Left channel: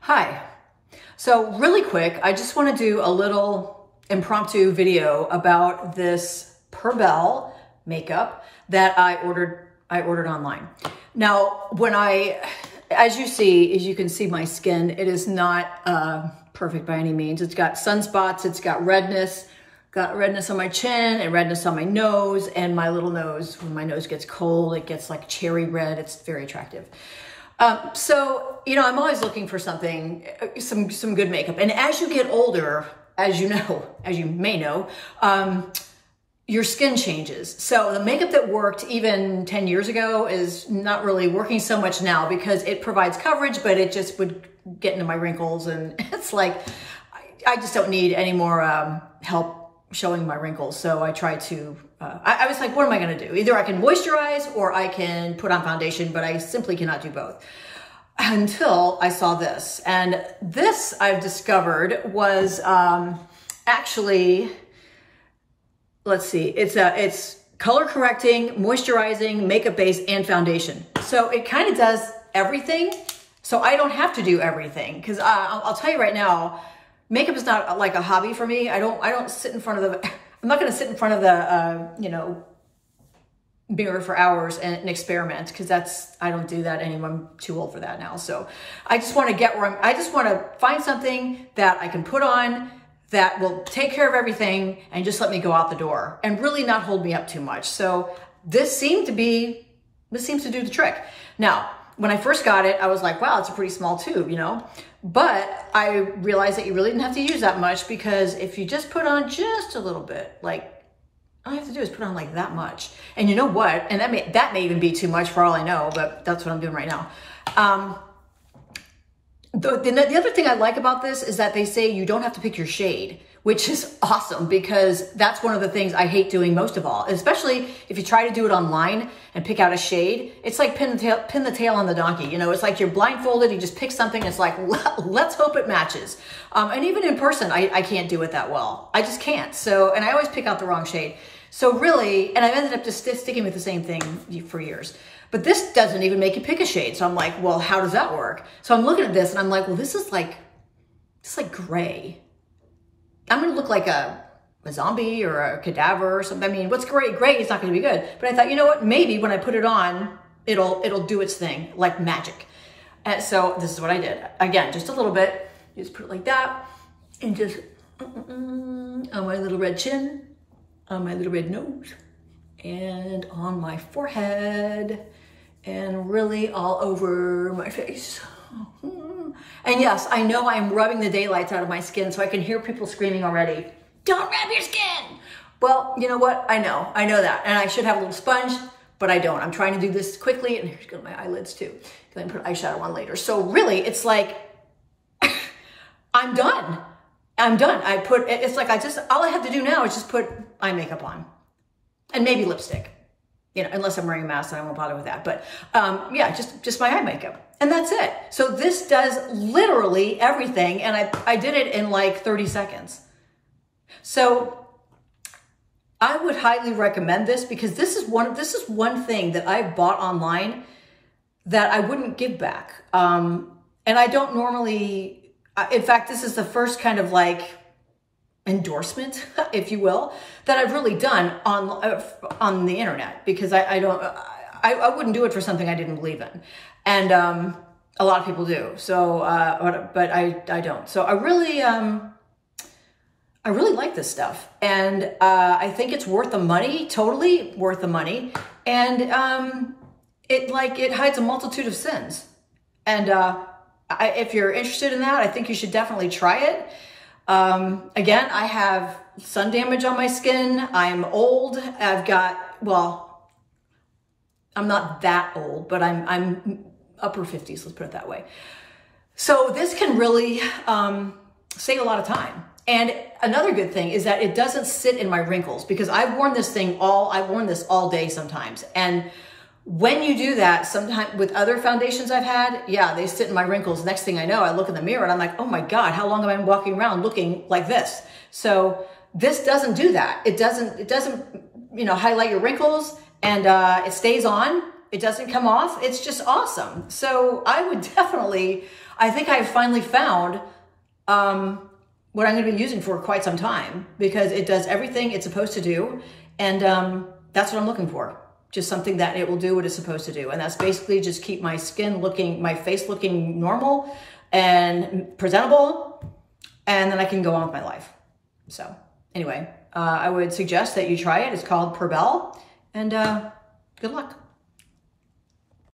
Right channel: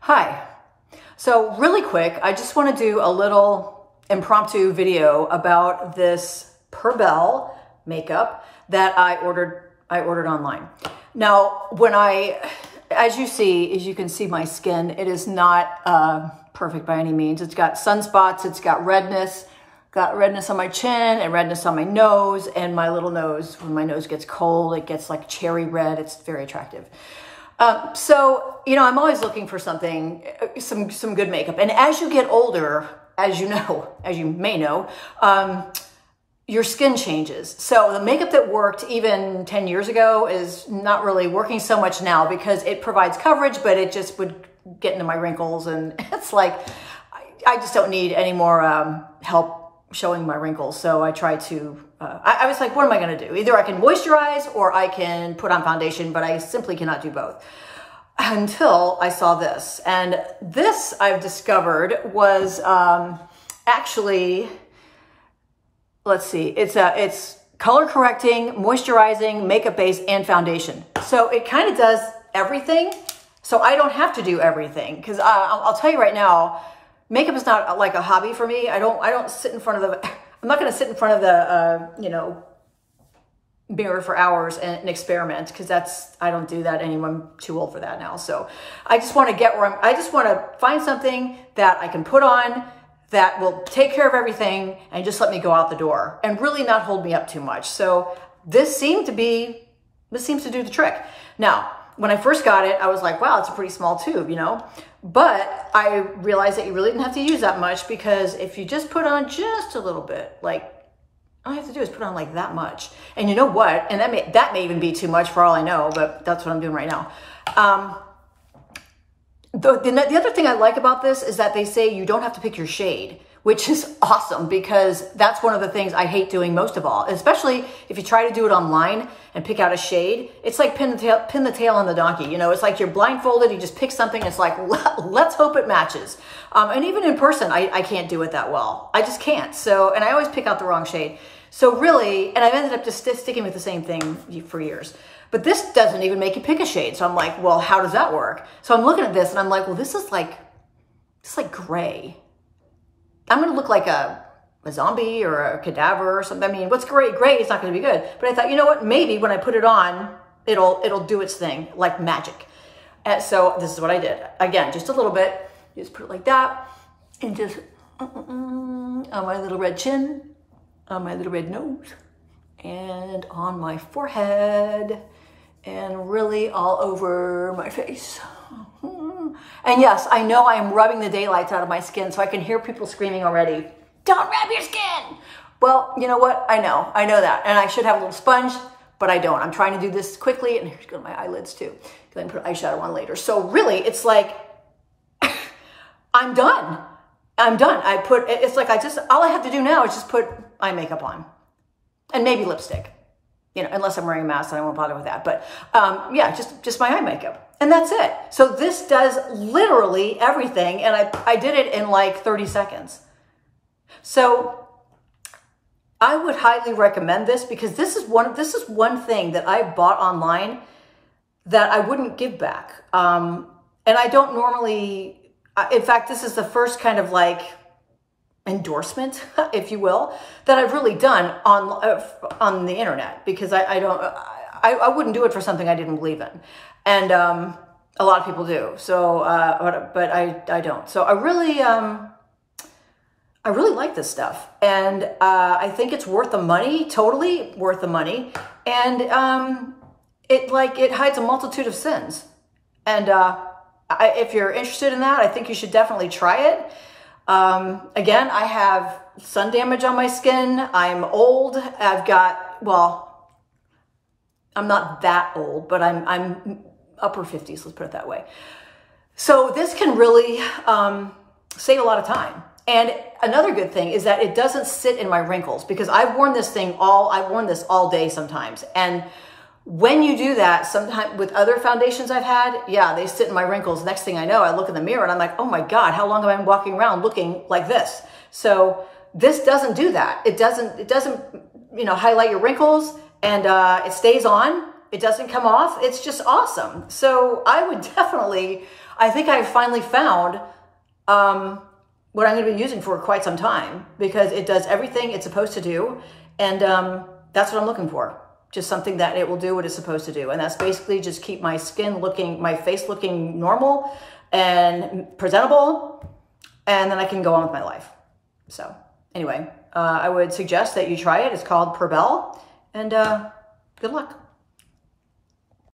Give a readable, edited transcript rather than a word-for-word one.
Hi. So really quick, I just want to do a little impromptu video about this Perbelle makeup that I ordered online. Now, as you can see my skin, it is not perfect by any means. It's got sunspots, it's got redness on my chin and redness on my nose, and my little nose, when my nose gets cold, it gets like cherry red. It's very attractive. So, I'm always looking for something, some good makeup. And as you get older, as you may know, your skin changes. So the makeup that worked even 10 years ago is not really working so much now because it provides coverage, but it just would get into my wrinkles. And it's like, I just don't need any more help showing my wrinkles. So I tried to, I was like, what am I going to do? Either I can moisturize or I can put on foundation, but I simply cannot do both until I saw this. And this I've discovered was actually, let's see, it's color correcting, moisturizing, makeup base, and foundation. So it kind of does everything. So I don't have to do everything because I'll tell you right now, makeup is not like a hobby for me. I don't sit in front of I'm not going to sit in front of the, mirror for hours and experiment because I don't do that anymore. I'm too old for that now. So I just want to I just want to find something that I can put on that will take care of everything and just let me go out the door and really not hold me up too much. So this seems to do the trick. Now, when I first got it, I was like, wow, it's a pretty small tube, but I realized that you really didn't have to use that much because if you just put on just a little bit, like all you have to do is put on like that much. And you know what? And that may even be too much for all I know, but that's what I'm doing right now. The other thing I like about this is that they say you don't have to pick your shade, which is awesome because that's one of the things I hate doing most of all, especially if you try to do it online and pick out a shade. It's like pin the tail on the donkey. It's like you're blindfolded, you just pick something, it's like, let's hope it matches. And even in person, I can't do it that well. I just can't. So, and I always pick out the wrong shade. So really, and I've ended up just sticking with the same thing for years. But this doesn't even make you pick a shade. So I'm like, well, how does that work? So I'm looking at this and I'm like, well, this is like gray. I'm going to look like a zombie or a cadaver or something. I mean, what's gray? Gray is not going to be good. But I thought, you know what? Maybe when I put it on, it'll do its thing like magic. So this is what I did. Again, just a little bit. Just put it like that and just on my little red chin, on my little red nose, and on my forehead, and really all over my face. And yes, I know I am rubbing the daylights out of my skin, so I can hear people screaming already, don't rub your skin. Well, you know what? I know that. And I should have a little sponge, but I don't. I'm trying to do this quickly, and here's my eyelids too, because I can put eyeshadow on later. So really, it's like, I'm done. It's like all I have to do now is just put eye makeup on and maybe lipstick, unless I'm wearing a mask, then I won't bother with that. But yeah, just my eye makeup and that's it. So this does literally everything. And I did it in like 30 seconds. So I would highly recommend this because this is one thing that I've bought online that I wouldn't give back. And I don't normally, in fact, this is the first kind of like endorsement, if you will, that I've really done on the internet because I wouldn't do it for something I didn't believe in. And a lot of people do. So, but I don't. So I really like this stuff. And I think it's worth the money, totally worth the money. And it hides a multitude of sins. And if you're interested in that, I think you should definitely try it. Again, I have sun damage on my skin. I'm old. I'm not that old, but I'm upper 50s, let's put it that way. So this can really save a lot of time. And another good thing is that it doesn't sit in my wrinkles because I've worn this all day sometimes. And when you do that, sometimes with other foundations I've had, yeah, they sit in my wrinkles. Next thing I know, I look in the mirror and I'm like, oh my God, how long have I been walking around looking like this? So this doesn't do that. It doesn't, highlight your wrinkles and it stays on. It doesn't come off. It's just awesome. So I would definitely, I think I've finally found what I'm going to be using for quite some time, because it does everything it's supposed to do. And that's what I'm looking for. Just something that it will do what it's supposed to do. And that's basically just keep my skin looking, my face looking normal and presentable. And then I can go on with my life. So anyway, I would suggest that you try it. It's called Perbelle, and good luck.